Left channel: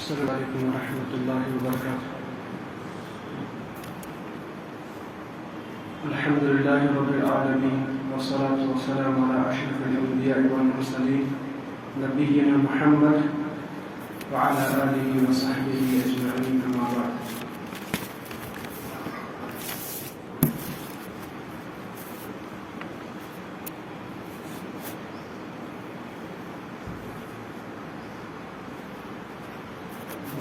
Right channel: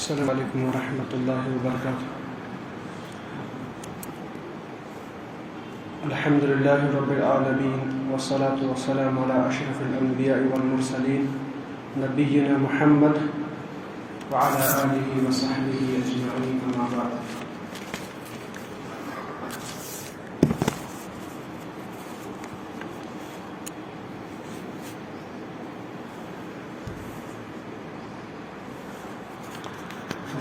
السلام علیکم ورحمۃ اللہ وبرکاتہ۔ الحمد للہ رب العالمین والصلاة والسلام علی اشرف الانبیاء والمرسلین نبینا محمد وعلی آلہ وصحبہ اجمعین، اما بعد۔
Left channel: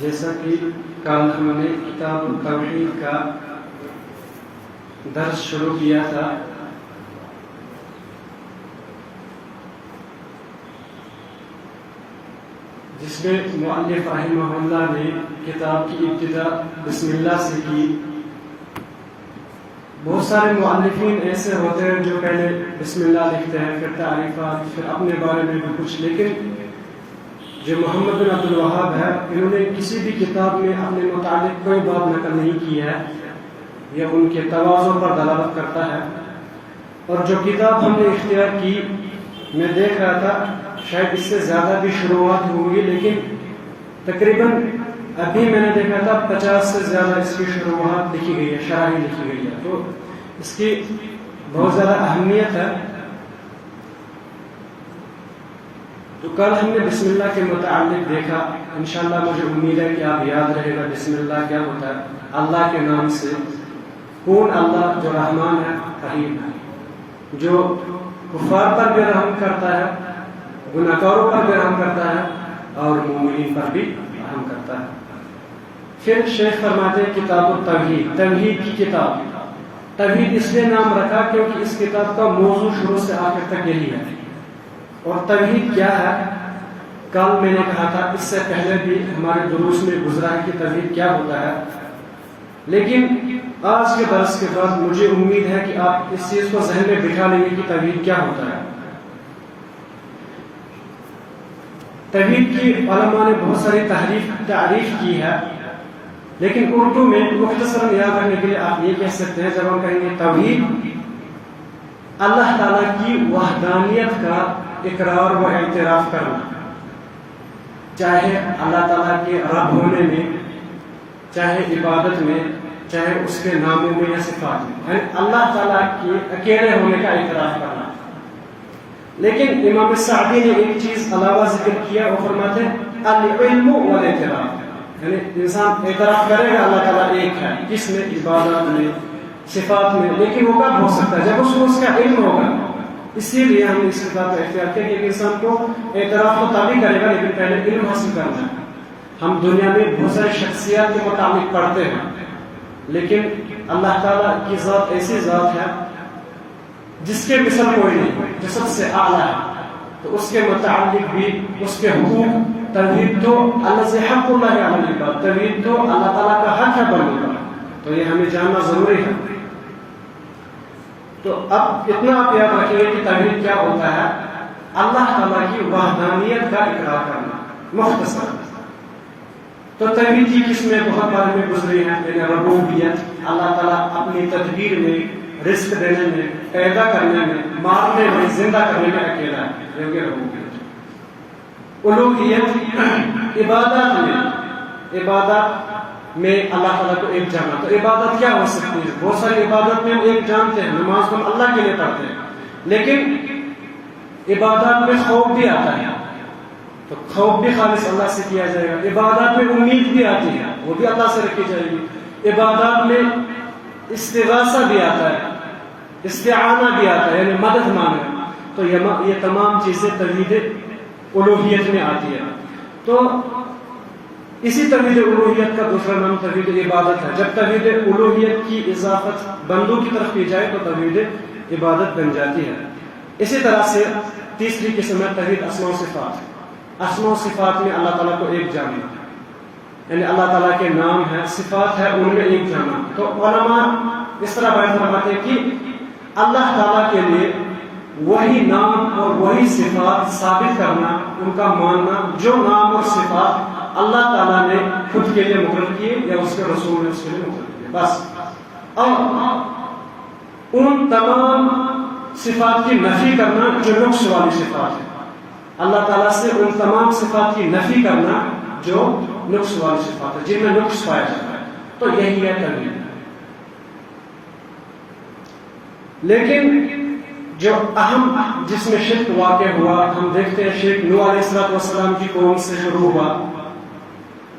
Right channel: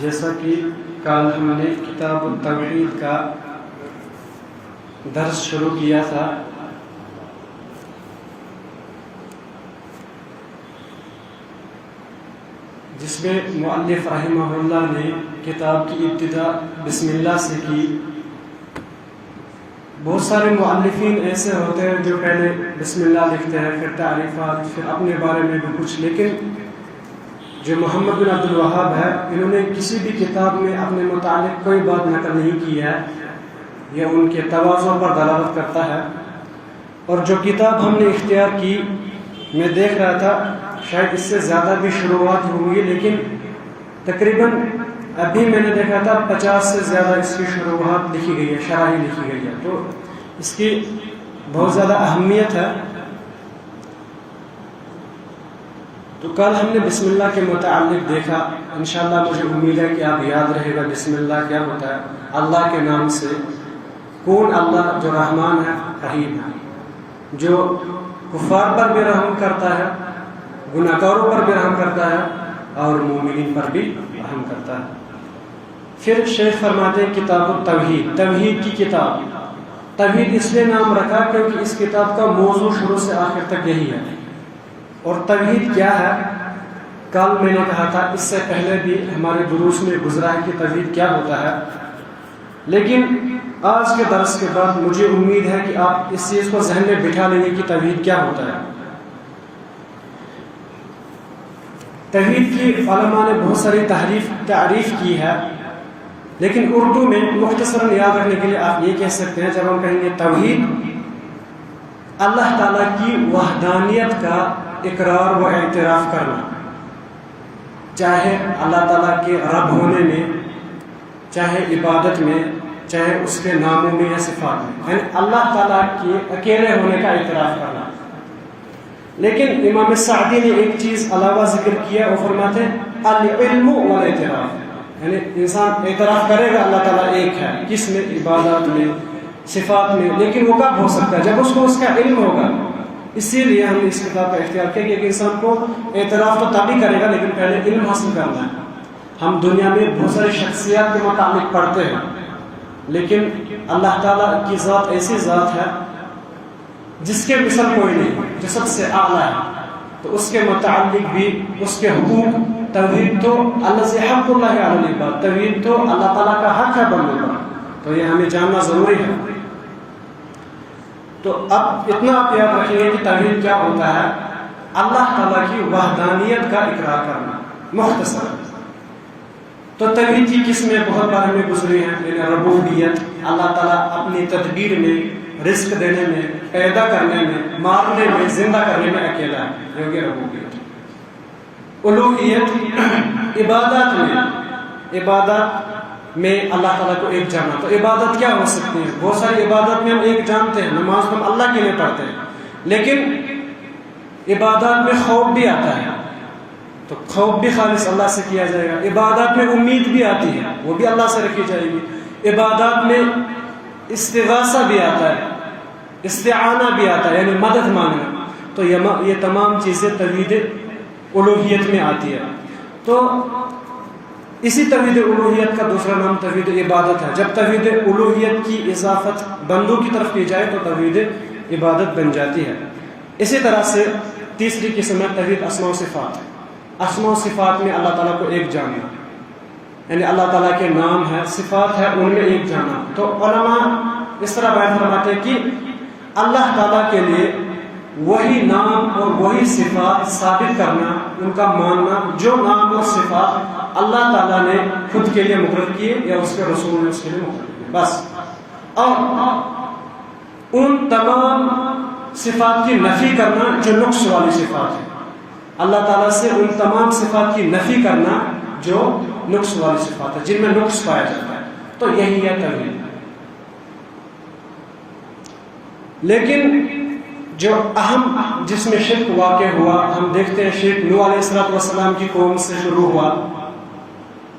جیسا کہ کل ہم نے کتاب التوحید کا درس شروع کیا تھا، جس میں مؤلف رحمہ اللہ نے کتاب کی ابتدا بسم اللہ سے کی۔ بہت سارے مؤلفین ایسے ہوتے ہیں جو پہلے بسم اللہ لکھتے ہیں، پھر تعریفات، پھر اپنے بارے میں بھی کچھ، لیکن جو محمد بن عبد الوہاب ہے، انہوں نے کسی بھی کتاب میں اپنے متعلق کوئی بات نقل نہیں کی ہے، یہ ان کے تواضع پر دلالت کرتا ہے۔ اور جو کتاب ہم نے اختیار کی، میں دیکھ رہا تھا شاید اس سے زیادہ بھی شروعات ہوئی، لیکن تقریباً ابھی میں نے دیکھا تھا 50 سے زیادہ اس کی شروعات لکھی گئی ہے، شرح لکھی گئی ہے، تو اس کی بہت زیادہ اہمیت ہے۔ تو کل ہم نے بسم اللہ کے متعلق دیکھا، انشاءاللہ مجھے امید ہے کہ آپ یاد رہے گا بسم اللہ کیا ہوتا ہے۔ اللہ کے نام سے، کون اللہ جو رحمان ہے، رحیم ہے، جو کفار پر بھی رحم کرتا ہے، گناہگاروں پر بھی رحم کرتا ہے، اور مومنین پر بھی رحم کرتا ہے۔ پھر شیخ فرماتے ہیں کتاب التوحید، توحید کی کتاب۔ توحید اس لیے نام رکھا کیونکہ اس کتاب کا موضوع شروع سے آخر تک یہی ہے۔ اور توحید کیا ہے، کل میں نے کہا تھا، اس سے پہلے بھی ہمارے دروس میں گزرا ہے کہ توحید کیا ہوتا ہے، لیکن آج کے درس کے بعد مجھے امید ہے کہ آپ اس چیز کو ذہن میں بٹھا لیں گے کہ توحید کیا ہوتا ہے۔ توحید کی علماء نے بہت ساری تعریف کی ہے، لیکن اردو میں مختصراً یاد رکھنے کے لیے آپ یہ کہہ سکتے ہیں، جب ہم کہیں گے توحید، اللہ تعالیٰ کی وحدانیت کا اقرار و اعتراف کرنا، چاہے اللہ تعالیٰ کے رب ہونے میں، چاہے عبادت میں، چاہے اس کے ناموں میں یا صفات میں، یعنی اللہ تعالیٰ کے اکیلے ہونے کا اعتراف کرنا۔ لیکن امام سعدی نے ایک چیز علاوہ ذکر کیا، وہ فرماتے ہیں العلم والاعتراف، یعنی انسان اعتراف کرے گا اللہ تعالیٰ ایک ہے، کس میں؟ عبادت میں، صفات میں، لیکن وہ کب ہو سکتا ہے؟ جب اس کو اس کا علم ہوگا۔ اسی لیے ہم نے اس کتاب کا اختیار کیا کہ ایک انسان کو اعتراف تو تبھی کرے گا لیکن پہلے علم حاصل کرنا ہے۔ ہم دنیا میں بہت ساری شخصیات کے متعلق پڑھتے ہیں، لیکن اللہ تعالیٰ کی ذات ایسی ذات ہے جس کے مثل کوئی نہیں، جو سب سے اعلیٰ ہے، تو اس کے متعلق بھی اس کے حقوق، توحید تو الذی حق اللہ علی العباد، توحید تو اللہ تعالیٰ کا حق ہے بندوں کا، تو یہ ہمیں جاننا ضروری ہے۔ تو اب اتنا آپ یاد رکھیں گے کہ توحید کیا ہوتا ہے، اللہ تعالیٰ کی وحدانیت کا اقرار کرنا، مختصر۔ تو توحید کی قسمیں بہت بار میں گزری ہیں، یعنی ربوبیت، اللہ تعالیٰ اپنی تدبیر میں، رزق دینے میں، پیدا کرنے میں، مارنے میں، زندہ کرنے میں اکیلا ہے، یہ ہو گیا ربوبیت۔ الوہیت، عبادات میں اللہ تعالیٰ کو ایک جانا، تو عبادت کیا ہو سکتی ہے؟ بہت ساری عبادت میں ہم ایک جانتے ہیں، نماز ہم اللہ کے لیے پڑھتے ہیں، لیکن عبادات میں خوف بھی آتا ہے، تو خوف بھی خالص اللہ سے کیا جائے گا۔ عبادات میں امید بھی آتی ہے، وہ بھی اللہ سے رکھی جائے گی۔ عبادات میں استغاثہ بھی آتا ہے، استعانہ بھی آتا ہے، یعنی مدد مانگنا، تو یہ تمام چیزیں توحید الوہیت میں آتی ہے۔ تو اسی توحید الوہیت کا دوسرا نام توحید عبادت ہے۔ جب توحید الوہیت کی اضافت بندوں کی طرف کی جائے تو توحید عبادت بن جاتی ہے۔ اسی طرح سے تیسری قسم ہے توحید اسماء و صفات۔ اسماء و صفات میں اللہ تعالیٰ کو ایک جاننا، یعنی اللہ تعالیٰ کے نام ہے، صفات ہے، ان میں ایک جانا۔ تو علماء اس طرح بیان فرماتے ہیں کہ اللہ تعالیٰ کے لیے وہی نام اور وہی صفات ثابت کرنا، ان کا ماننا جو نام اور صفات اللہ تعالیٰ نے خود کے لیے مقرر کیے یا اس کے رسول نے اس کے لیے مقرر کیے، بس۔ اور ان تمام صفات کی نفی کرنا جو نقص والی صفات ہے، اللہ تعالیٰ سے ان تمام صفات کی نفی کرنا جو نقص والی صفات ہے، جن میں نقص پایا جاتا ہے، تو یہی ہے توحید۔ لیکن جو اہم جس میں شرک واقع ہوا، ہم دیکھتے ہیں شرک نوح علیہ السلام کی قوم سے شروع ہوا،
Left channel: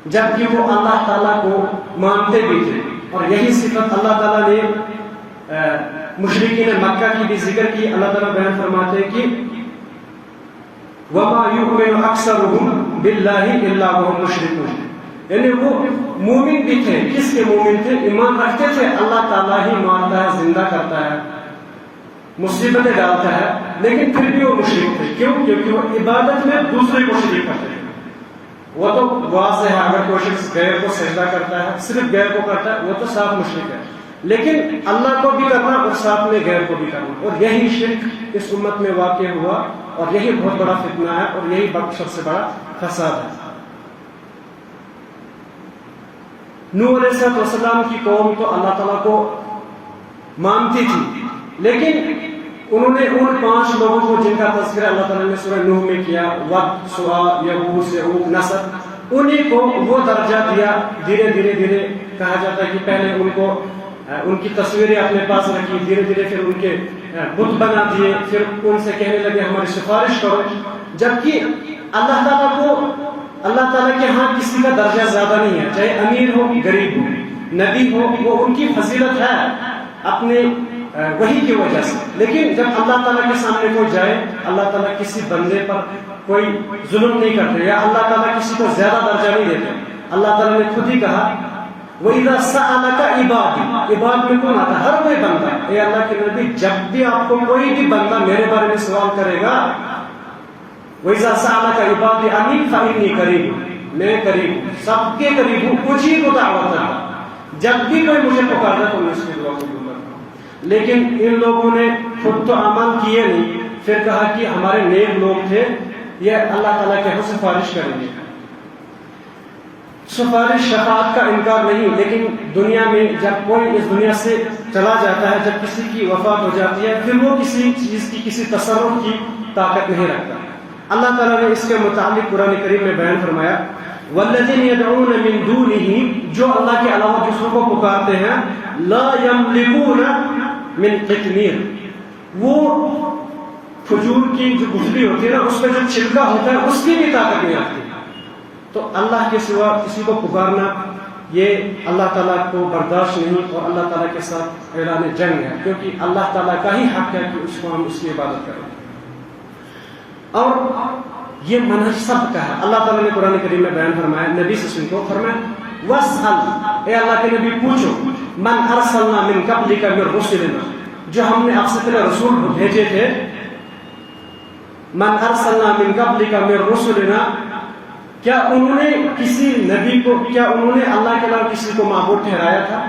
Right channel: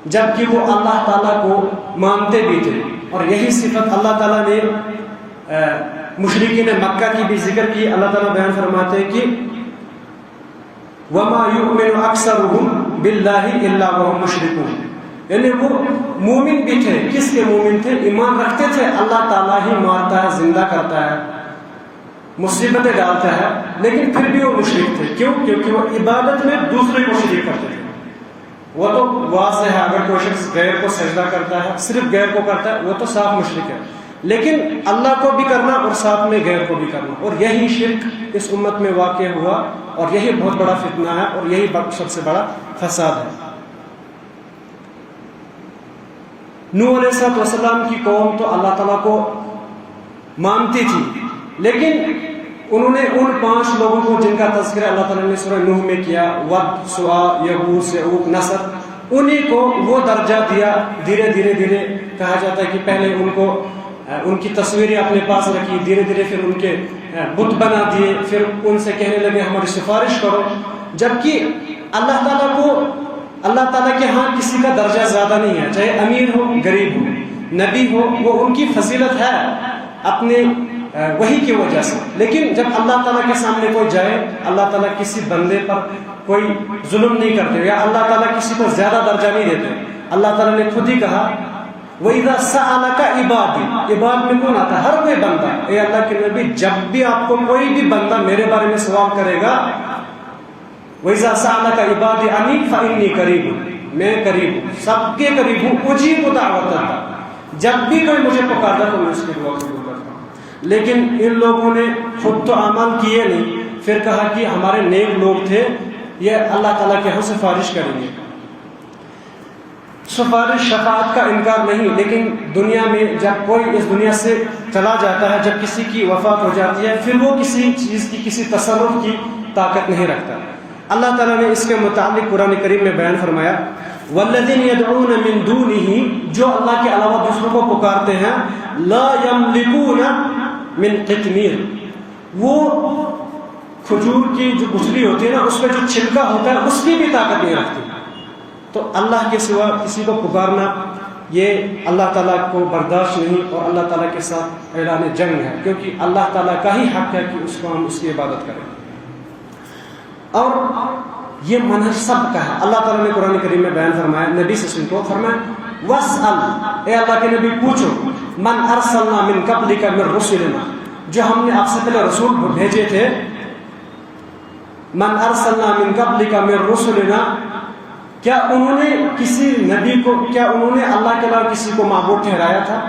جبکہ وہ اللہ تعالیٰ کو مانتے بھی تھے، اور یہی صفت اللہ تعالیٰ نے مشرکین مکہ کی بھی ذکر کی۔ اللہ تعالیٰ بیان فرماتے ہیں کہ وَمَا يُؤْمِنُ أَكْثَرُهُمْ بِاللَّهِ إِلَّا وَهُمْ مُشْرِكُونَ، یعنی وہ مومن بھی تھے۔ کس کے مومن تھے؟ ایمان رکھتے تھے اللہ تعالیٰ ہی مارتا ہے، زندہ کرتا ہے، مصیبتیں ڈالتا ہے، لیکن پھر بھی وہ مشرک تھے۔ کیوں؟ کیونکہ وہ عبادت میں دوسرے کو شریک کرتے تھے۔ وہ تو واضح ہے، اگر کوئی شخص غیر کو سجدہ کرتا ہے، صرف غیر کو کرتا ہے، وہ تو صاف مشرک ہے، لیکن اللہ کو بھی کرنا اور ساتھ میں غیر کو بھی کرنا، اور یہی شرک اس امت میں واقع ہوا، اور یہی بہت بڑا فتنہ ہے، اور یہی سب سے بڑا فساد ہے۔ نوح علیہ السلام کی قوم تو اللہ تعالیٰ کو مانتی تھی، لیکن انہوں نے ان 5 لوگوں کو جن کا تذکرہ اللہ تعالیٰ نے سورہ نوح میں کیا، ود، سوا، یغوث، یعوق، نصر، انہی کو وہ درجہ دیا۔ دھیرے دھیرے کہا جاتا ہے کہ پہلے ان کو ان کی تصویریں اپنے پاس رکھی، دھیرے پھر ان کے بت بنا دیے، پھر ان سے کہنے لگے ہماری سفارش کرو، جبکہ اللہ تعالیٰ کے ہاں کسی کا درجہ زیادہ نہیں ہے، چاہے امیر ہو، غریب ہو، نبی ہو، وہ ان کی فضیلت ہے اپنے وہی کی وجہ سے۔ لیکن جب اللہ تعالیٰ کے سامنے کوئی جائے، اللہ تعالیٰ کسی بندے پر کوئی ظلم نہیں کرتے، یا اللہ تعالیٰ کسی کو زیادہ درجہ نہیں دیتے۔ اللہ تعالیٰ نے خود ہی کہا وَإِذَا سَأَلَكَ عِبَادِي، عباد میں کون آتا ہے؟ ہر کوئی بندہ۔ اے اللہ کے نبی، جب بھی آپ کو کوئی بھی بندہ میرے بارے میں سوال کرے گا، وَإِذَا سَأَلَكَ عِبَادِي عَنِّي فَإِنِّي قَرِيبٌ، میں قریب ہوں، سب کے قریب ہوں، اجیب دعوت الداع، جب بھی کوئی مجھے پکارتا تو میں اس کی دعا قبول کرتا ہوں۔ لیکن ان لوگوں نے خود تو عمل کیے نہیں، پھر کہا کہ ہمارے نیک لوگ تھے، یہ اللہ تعالیٰ کے ہاں سفارش کریں گے۔ سفارش شفاعت کا انکار نہیں، لیکن دنیا میں جب کوئی اس دنیا سے چلا جاتا ہے، جب کسی کی وفات ہو جاتی ہے، پھر وہ کسی چیز کی، کسی تصرف کی طاقت نہیں رکھتا۔ اللہ تعالیٰ نے اس کے متعلق قرآن کریم میں بیان فرمایا وَالَّذِينَ يَدْعُونَ مِن دُونِهِ، جو اللہ کے علاوہ دوسروں کو پکارتے ہیں، لَا يَمْلِكُونَ مِن قِطْمِيرٍ، وہ کھجور کی جو گٹھلی ہوتی ہے نا، اس میں جو چھلکا ہوتا ہے، اس کی بھی طاقت نہیں رکھتی۔ تو اللہ کے سوا کسی کو پکارنا یہ اللہ تعالیٰ کو برداشت نہیں، اور اللہ تعالیٰ کے ساتھ اعلان جنگ ہے، کیونکہ اللہ تعالیٰ کا ہی حق ہے کہ اس کو ہم اس کی عبادت کریں، اور یہ منہج سب کا ہے۔ اللہ تعالیٰ نے قرآن کریم میں بیان فرمایا، نبی صلی اللہ علیہ وسلم کو فرمایا وَاسْأَلْ، اے اللہ کے نبی پوچھو، مَنْ أَرْسَلْنَا مِنْ قَبْلِكَ مِنْ رُسُلِنَا، جو ہم نے آپ سے پہلے رسول بھیجے تھے، مَنْ أَرْسَلْنَا مِنْ قَبْلِكَ مِنْ رُسُلِنَا، کیا انہوں نے کسی نبی کو، کیا انہوں نے اللہ کے علاوہ کسی کو معبود ٹھہرایا تھا؟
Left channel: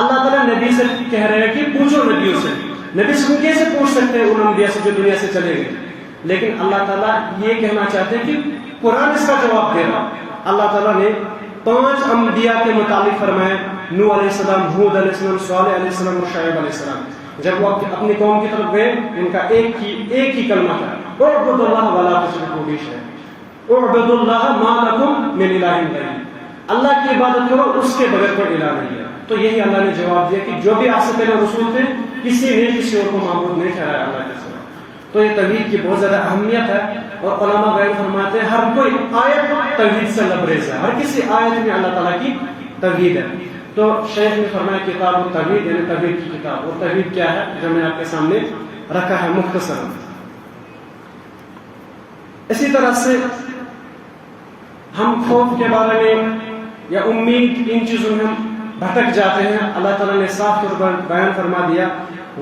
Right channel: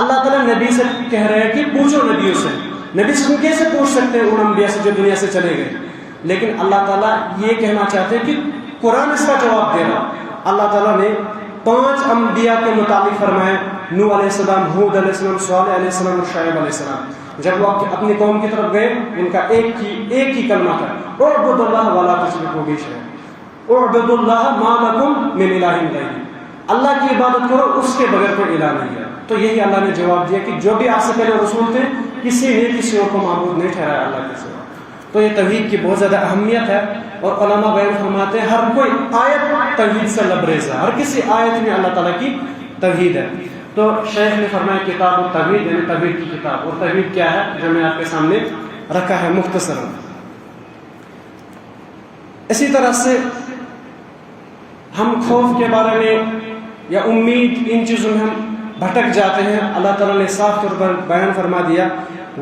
اللہ تعالیٰ نبی سے کہہ رہے ہیں کہ پوچھو نبیوں سے۔ نبی سے کیسے پوچھ سکتے ہیں ان انبیاء سے جو دنیا سے چلے گئے؟ لیکن اللہ تعالیٰ یہ کہنا چاہتے ہیں کہ قرآن اس کا جواب دے رہا۔ اللہ تعالیٰ نے 5 انبیاء کے متعلق فرمایا، نوح علیہ السلام، ہود علیہ السلام، صالح علیہ السلام اور شعیب علیہ السلام۔ جب وہ اپنی قوم کی طرف گئے، ان کا ایک ہی کلمہ تھا، اعبدوا اللہ ولا تشرکوا بہ شیئا، اعبدوا اللہ ما لکم من الہ غیرہ، اللہ کی عبادت کرو، اس کے بغیر کوئی الہ نہیں ہے۔ تو یہی اللہ نے جواب دیا کہ جو بھی آپ سے پہلے رسول تھے، کسی نے کسی اور کو معبود نہیں ٹھہرایا اللہ کے سوا۔ تو یہ توحید کی بہت زیادہ اہمیت ہے، اور علماء بیان فرماتے ہیں ہر کوئی آیت توحید سے لبریز ہے، ہر کسی آیت میں اللہ تعالیٰ کی توحید ہے۔ تو شیخ نے فرمایا کتاب التوحید، یعنی توحید کی کتاب، اور توحید کیا ہے جو میں آپ کے سامنے رکھا ہے مختصر۔ اسی طرح سے ہم خوف کے بارے میں یا امید، ان چیزوں میں ہم بھٹک جاتے ہیں۔ اللہ تعالیٰ نے صاف طور پر بیان فرما دیا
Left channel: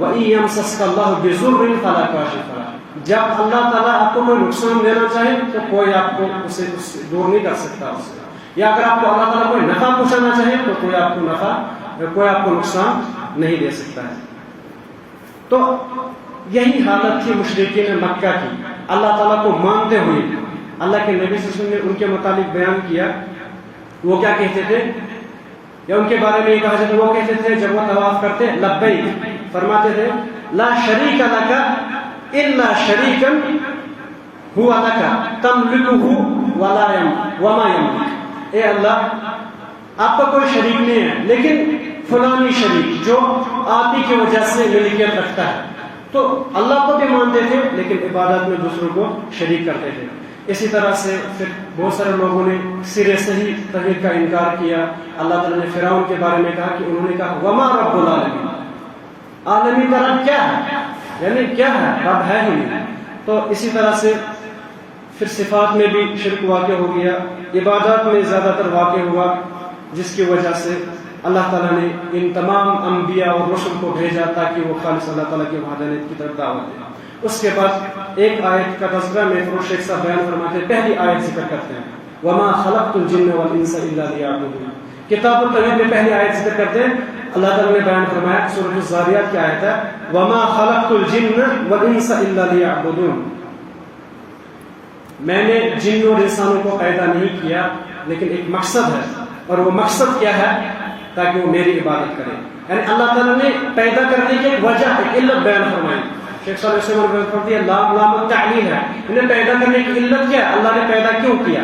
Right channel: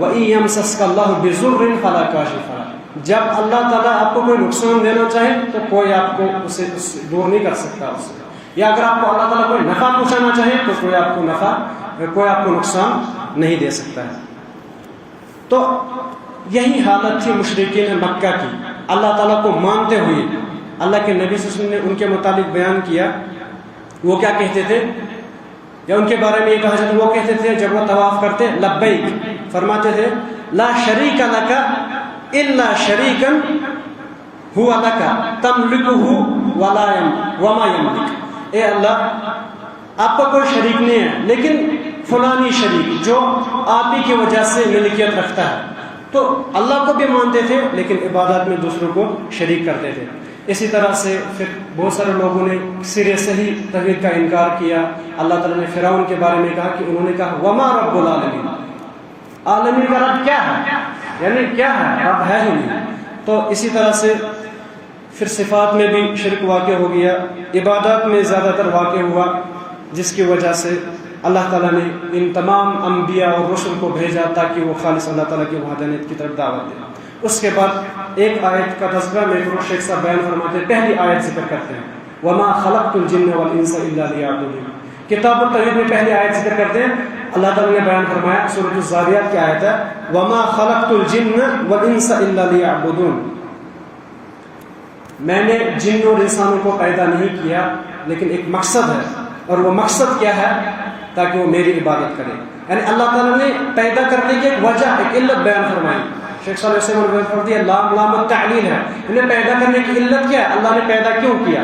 وَإِن يَمْسَسْكَ اللَّهُ بِضُرٍّ فَلَا كَاشِفَ لَهُ، جب اللہ تعالیٰ آپ کو کوئی نقصان دینا چاہے تو کوئی آپ کو اسے دور نہیں کر سکتا اس سے، یا اگر آپ کو اللہ تعالیٰ کوئی نفع پہنچانا چاہے تو کوئی آپ کو نفع، کوئی آپ کو نقصان نہیں دے سکتا ہے۔ تو یہی حالت تھی مشرکین مکہ کی، اللہ تعالیٰ کو مانتے ہوئے۔ اللہ کے نبی صلی اللہ علیہ وسلم نے ان کے متعلق بیان کیا، وہ کیا کہتے تھے، یا ان کے بارے میں یہ کہا جاتا ہے، وہ کہتے تھے جب وہ طواف کرتے لبیک، فرماتے تھے لا شریک لک الا شریکا هو لک تملکہ وما یملک، اے اللہ آپ کا کوئی شریک نہیں ہے، لیکن فلانی شریک جو آپ ہی کی وجہ سے ملکیت رکھتا ہے، تو اللہ کو بھی مانتے تھے لیکن عبادت میں دوسروں کو شریک کرتے تھے۔ اسی طرح سے پھر بہت سارے لوگوں نے سرے سے ہی توحید کا انکار کیا۔ اللہ تعالیٰ نے فرعون کے بارے میں کہا کہ انہوں نے کہا وما رب العالمین، عالمی کا رب کیا ہے، یعنی کیا ہے، رب ہے ہی نہیں۔ تو اسی طرح سے پھر صفات میں بھی شرک واقع ہو گیا، عبادات میں زیادہ تر واقع ہوا، جس کی وجہ سے اللہ تعالیٰ نے ان تمام انبیاء اور رسل کو بھیجا تاکہ وہ خالص اللہ تعالیٰ کی وحدانیت کی طرف دعوت دیں۔ اس کے بعد ایک آیت کا تذکرہ میں فروغ شیخ صاحب بیان فرماتے ہیں، پہلی آیت ذکر کرتے ہیں وما خلقت الجن والانس الا لیعبدون۔ کتاب التوحید میں پہلی آیت ذکر کرتے ہیں، اللہ تعالیٰ نے بیان فرمایا سورۃ الذاریات کی آیت ہے وما خلقت الجن والانس الا لیعبدون، میں نے جن اور انسانوں کو پیدا نہیں کیا لیکن ایک مقصد ہے، اور وہ مقصد کیا ہے، تاکہ وہ میری عبادت کریں۔ یعنی اللہ تعالیٰ نے پیدا کرنے کی ایک وجہ، ایک علت بیان فرمائی۔ شیخ صالح علیہ وسلم بیان فرماتی ہے لام التعلیل ہے، انہیں پیدا کرنے کی علت کیا ہے، اللہ نے پیدا کیوں کیا،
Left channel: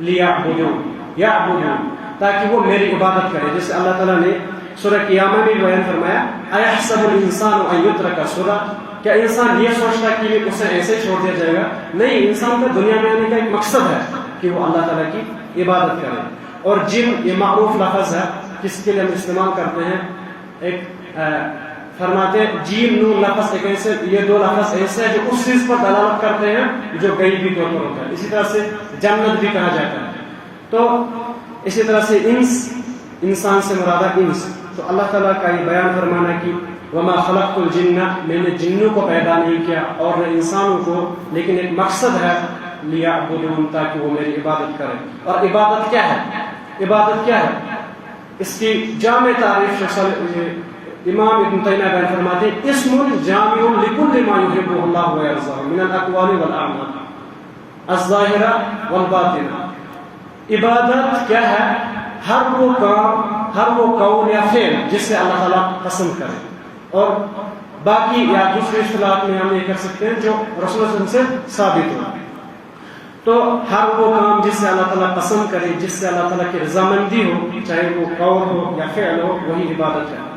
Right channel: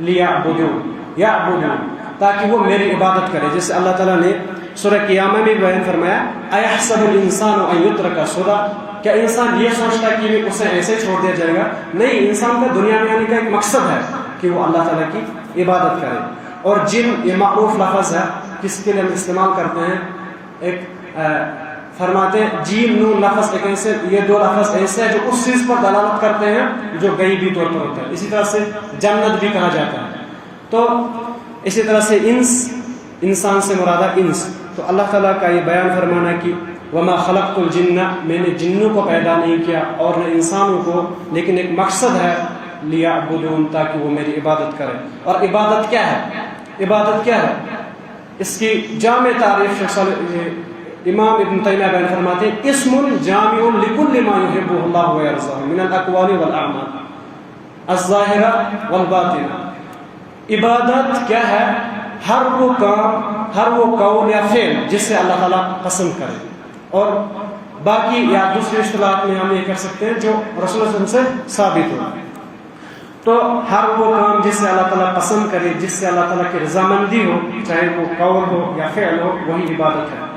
لیعبدون، یعبدون، تاکہ وہ میری عبادت کرے۔ جیسے اللہ تعالیٰ نے سورہ قیامہ میں بیان فرمایا ایحسب الانسان ان یترک سدی، کیا انسان یہ سوچتا ہے کہ اسے ایسے چھوڑ دیا جائے گا؟ نہیں، انسان کا دنیا میں آنے کا ایک مقصد ہے کہ وہ اللہ تعالیٰ کی عبادت کرے۔ اور جن، یہ معروف لفظ ہے، کس کے لیے ہم استعمال کرتے ہیں، ایک فرماتے ہیں جین نون لفظ ایک ایسے، یہ دو لفظ ایسے ہیں جو اس چیز پر دلالت کرتے ہیں جو غیبی طور پر ہوتا ہے۔ اسی طرح سے جنت بھی کہا جاتا ہے۔ تو اسی طرح سے انس، انسان سے مراد انس، تو اللہ تعالیٰ کا یہ بیان فرمانا کہ وما خلقت الجن، میں نے جنوں کو پیدا نہیں کیا اور نہ انسانوں کو، لیکن ایک مقصد ہے لیعبدون، تاکہ وہ میری عبادت کرے۔ اور عبادت کیا ہے، عبادت کیا ہے، اس کی جامع تعریف امام ابن تیمیہ بیان فرماتے ہیں اسم جامع لکل ما یحبہ اللہ ویرضاہ من الاقوال والاعمال الظاہرہ والباطنہ۔ عبادت کیا ہے، ہر وہ کام، ہر وہ قول یا فعل جس سے اللہ تعالیٰ پسند کرے، اور باقی یا دوسری اصطلاحات میں ہم یہ کہہ سکتے ہیں جو رسول اللہ صلی اللہ علیہ وسلم سے ثابت ہو۔ تو ہر وہ کام جس سے اللہ تعالیٰ پسند کرے، جس سے اللہ تعالیٰ کی رضامندی ہو، چاہے وہ قول ہو یا فعل ہو، وہی عبادت ہے۔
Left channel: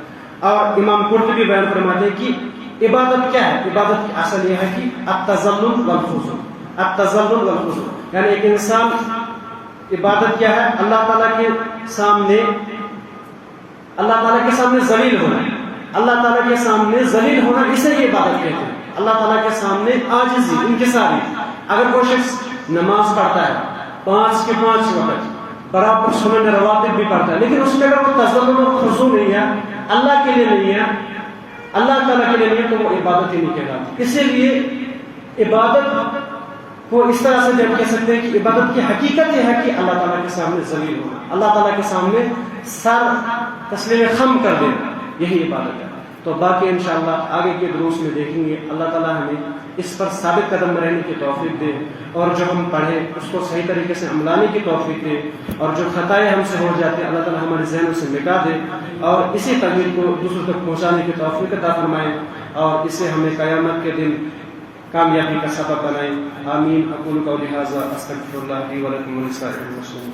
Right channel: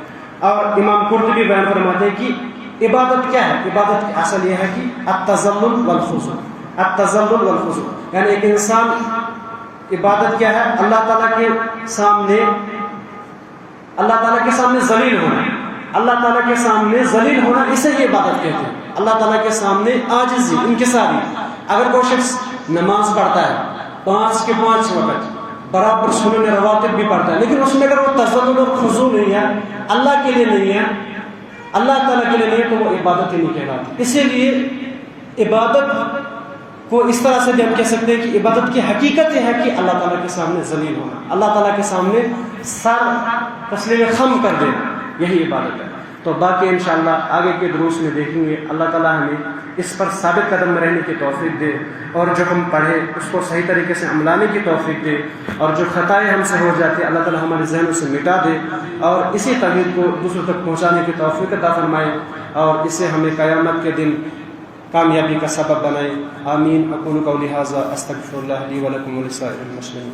اور امام قرطبی بیان فرماتے ہیں کہ عبادت کیا ہے، عبادت کی اصل یہ ہے کہ التذلل والخضوع، التذلل والخضوع، یعنی ایک انسان، عبادت کیا ہے، اللہ تعالیٰ کے سامنے، اللہ تعالیٰ کے سامنے ذلیل ہونا، اللہ تعالیٰ کے سامنے ذلیل ہونا، اسے یہ عبادت کہتے ہیں۔ اللہ تعالیٰ کے سامنے عاجزی، انکساری۔ اگر کوئی شخص نماز پڑھتا ہے 5 کے 5 وقت، برابر سنن رواتب بھی پڑھتا ہے، لیکن اس میں اگر وہ تذلل اور خضوع نہیں ہے، اللہ کے لیے نہیں ہے، اللہ تعالیٰ کے لیے نہیں ہے، تو وہ عبادت ہی نہیں کہلاتی۔ اسی لیے عبادت کو اس طرح سے بھی ہم کہہ سکتے ہیں کہ عبادت کی حقیقت یہ ہے کہ اللہ تعالیٰ کے سامنے ذلیل ہونا، اللہ تعالیٰ کے سامنے سر تسلیم خم کر دینا، یہی عبادت ہے۔ تو باقی انشاءاللہ آگے کے دروس میں دیکھیں گے۔ اللہ تعالیٰ ہمیں اس پر ثابت قدم رہنے کی توفیق دے، اور جو ہم پڑھیں اس کو صحیح طریقے سے عملانے کی توفیق دے، اور جو خطائیں ہم سے ہو جاتی ہیں اللہ تعالیٰ ہمارے ذہنوں سے مٹا دے، اور اسی توحید کو دوسروں تک پہنچانے کی توفیق عطا فرمائے، اور اسے ہمیں قیامت کے دن کامیابی کا سبب بنائے۔ آمین۔ اقول قولی ھذا استغفر اللہ لی ولکم ولسائر المسلمین۔